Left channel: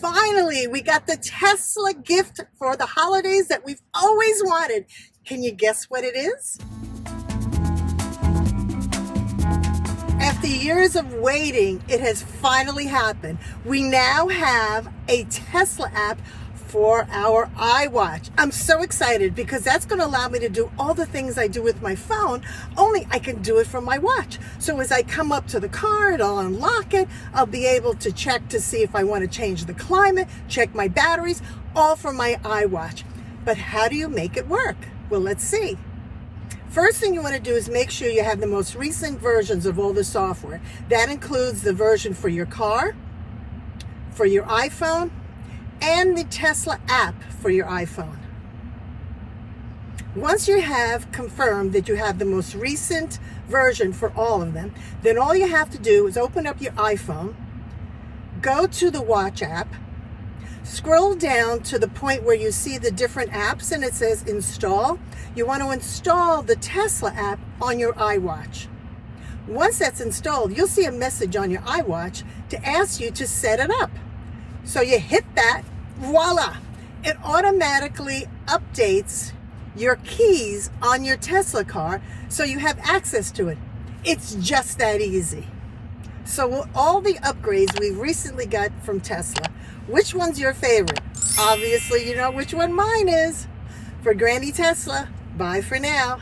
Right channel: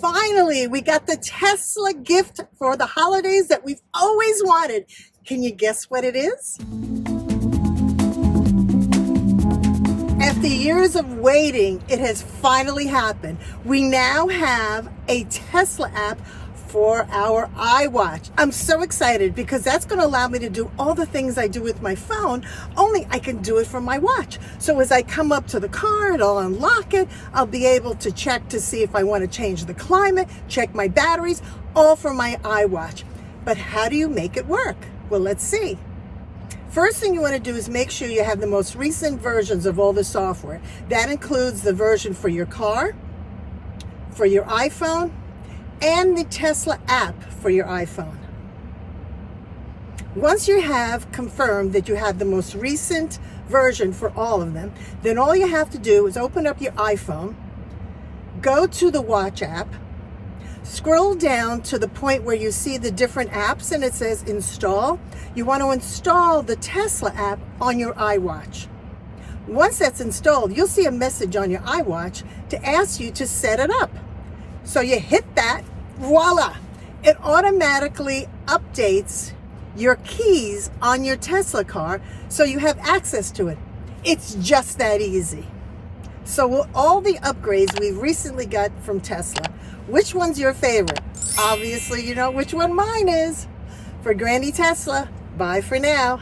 Finally, we got the Tesla gift for the holidays that we've always wanted. Can you guess what it is? After years of waiting, it has finally happened. We now have a Tesla app for our iWatch. I'm so excited because that's going to allow me to do all the things I do with my phone, only I can do it from my watch. So as I come up to the car and I'll unlock it, I'll be able to check to see if I want to change the climate, check my batteries, all from my iWatch. But how do you make it work? Well, let's see. First thing you want to do is make sure you have the most recent versions of all the software. That includes the version for your car, for your iPhone, and the Tesla app for your iPhone. Once you have confirmed that you have the most recent version for all of them, then all you have to do is open up your iPhone, go to the Watch app, scroll down to the point where you see the different apps and it says install. You want to install the Tesla app on your iWatch. Once that's installed, you'll see a message on your iWatch to ask you to set it up. So you hit that, voila! It automatically updates your keys on your Tesla car so you have access to it. It's just that easy. So with all the upgrades we've recently got from Tesla, which one's your favorite? Obviously, you know which one mine is. For Granny Tesla, bye for now.